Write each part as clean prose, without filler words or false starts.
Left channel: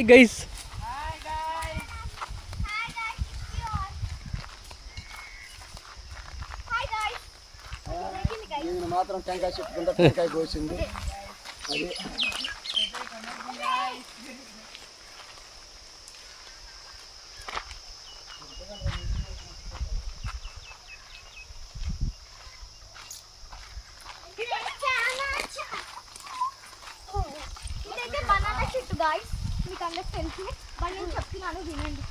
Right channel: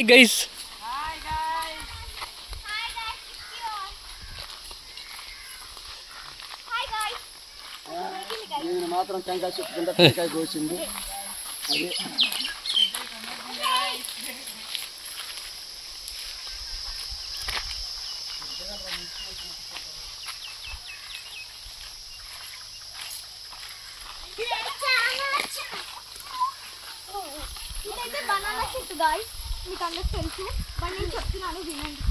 Hi guys. నేను మాత్రం టెంకాయ చెట్టు కింద టెంకాయ కోసింది అది. ఇదైతే బనానా చెట్టు గాయ్స్, మీకు అందరికి తెలుసు బట్ నేను చెప్తున్నాను వినండి.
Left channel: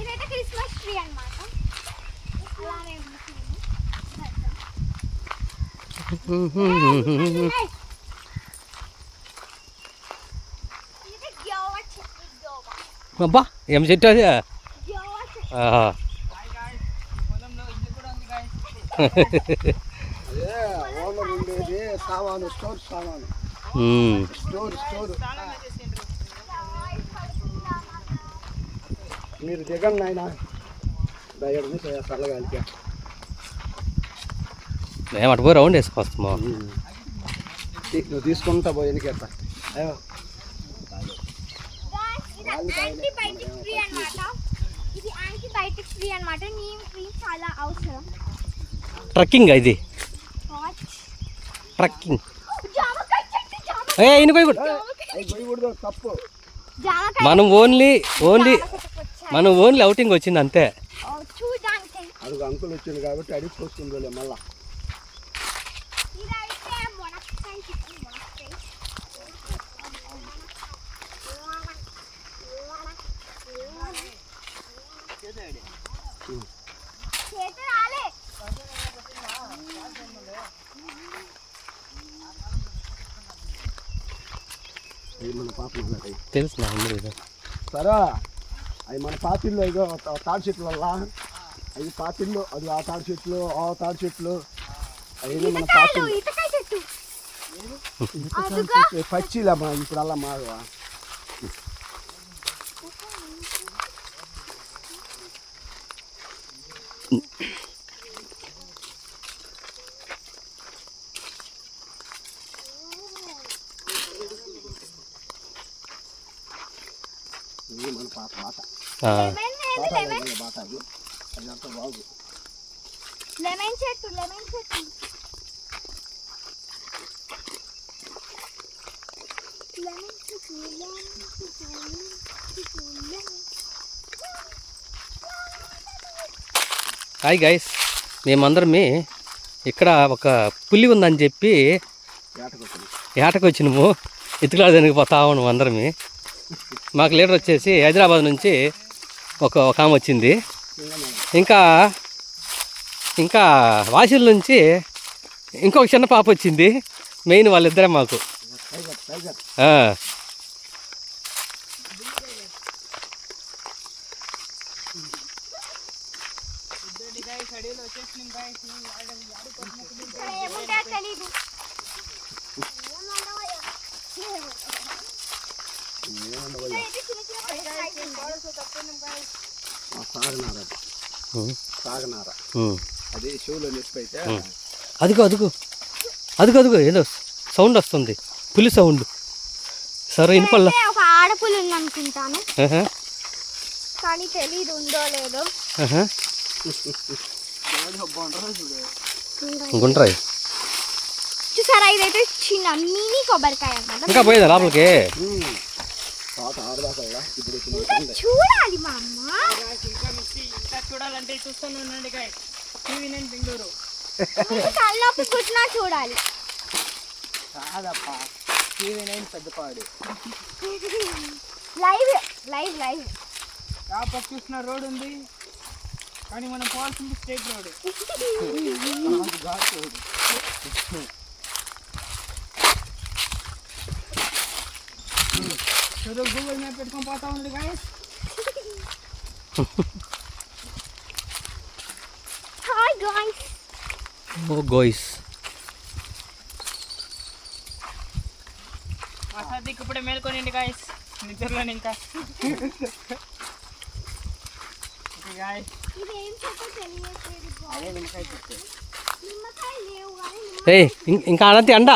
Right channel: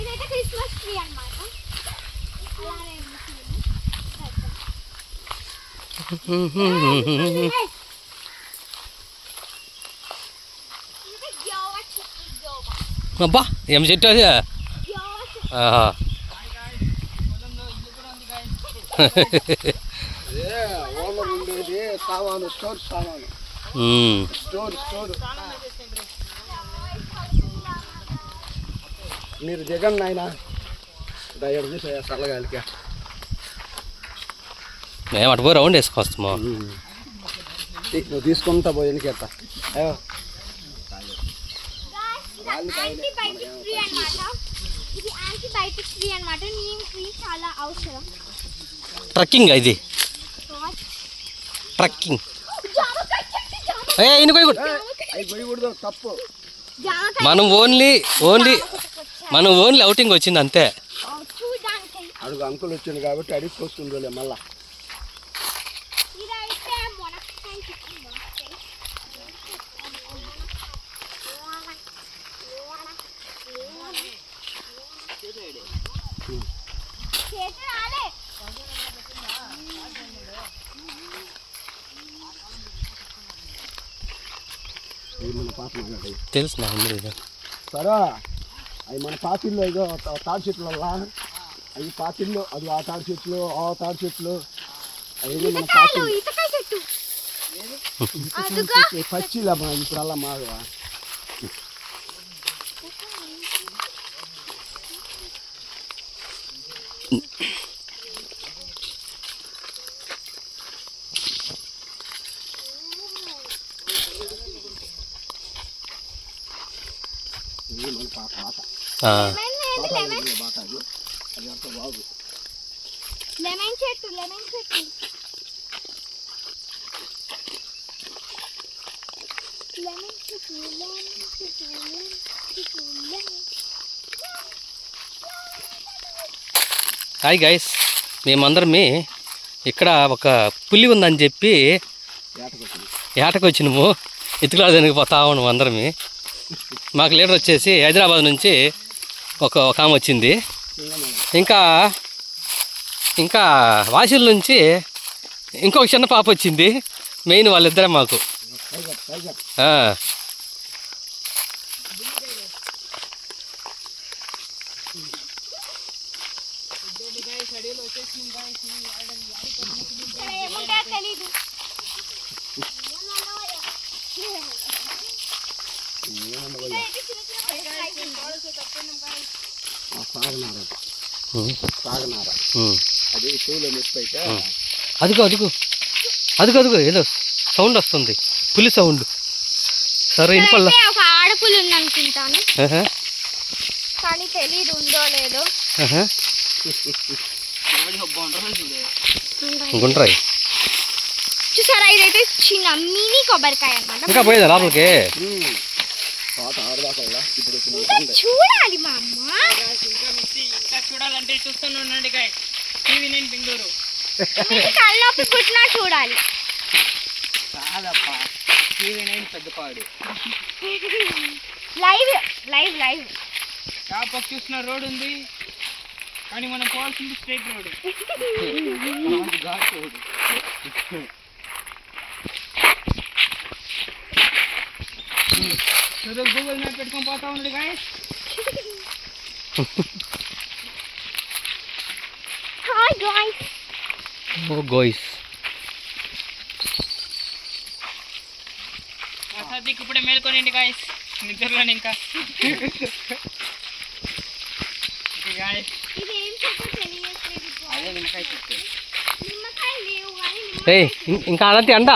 ఇదైతే క్రిస్మస్ ట్రీ అన్నమాట. అబ్బా ఏం చెట్టు అది? సామాను స్టోర్ సామాను స్టోర్ మీరు దిగండి నాయన చల్లగాలికి. మేము అటు పోయి రౌండ్ వేసుకొస్తాము. నువ్వు తీసుకుంటా పోయి ఎన్నికెళ్తా. చాలా అవసరం. ట్రక్కింగ్ ఇది, ట్రక్కింగ్. తప్పు. మనం ఓన్లీ అవుటింగ్ వచ్చింది అంతే. అడుగు అంకుల్ వచ్చింది కాబట్టి అడిగి పోసుకుంది మళ్ళా. మన పాప తెలుసు నా సరే. అవి మన పాతిల్లో ఇదో తాడి చెట్లు అవి పాతిల్లో, అది ఆ తాడి చెట్లు ఆ తాడి చెట్లు అవన్నీ మన పాతిల్లో పచ్చిలమ్మా. ఇప్పుడు అలా మాగా మన పాత బాట బాట అది అంత బాగు. లెమన్ చెట్టు హాయ్ గైస్, మేమందరం ఇక్కడ ఒక పులి ఉందని చెప్పి ఏటకు వచ్చినాము. ఇటుకరాజానికి పోతా ఉన్నాము అందరం. మాకు లీడర్ వచ్చేసి హైదరాబాద్ నుంచి ఒక ఆమె వచ్చింది. ఇంకా వాసిల నుంచి ఇంకొక చిన్న పాప వచ్చింది. మెయిన్ వాళ్ళిద్దరే మాకు. అది చెవులో నొప్పి అయితే అదుగో ఏదో సౌండ్ వస్తుంది, పులి సౌండ్. సరే ఇనుపల్ల ఒక ఆడపులి ఉంది అనుకుంటాను, కానీ తెలియదు ఉందో లేదో. గుండ్రాయి చూసారా, ఇదైతే చిన్న మినీ కొబ్బరికాయ అన్నమాట. ఇంకా పోయేదా లోపలికి? చూడాలి మా అమ్మ. ఇంకా చూడాలంటే చూస్తూనే ఉండండి గైస్. TV9 బెంగళూరు. కళ్ళొప్పి పుట్టినా చూడాలి. కాదప్పా, TV9 పెద్దపాడు. లైవ్ పక్క చూసిన రోడ్ ఉంది, కానీ మనం పోవాల్సింది స్ట్రైట్ రోడ్. గూగుల్ మ్యాప్ పెట్టుకొని పోతా ఉంది guys. Hi guys. Oh guys, మా సద్దికి ఇప్పుడే మేల్కొనిండి గాయస్, నిద్రలోని ఇంకా. ఇంకా అనంతి అండ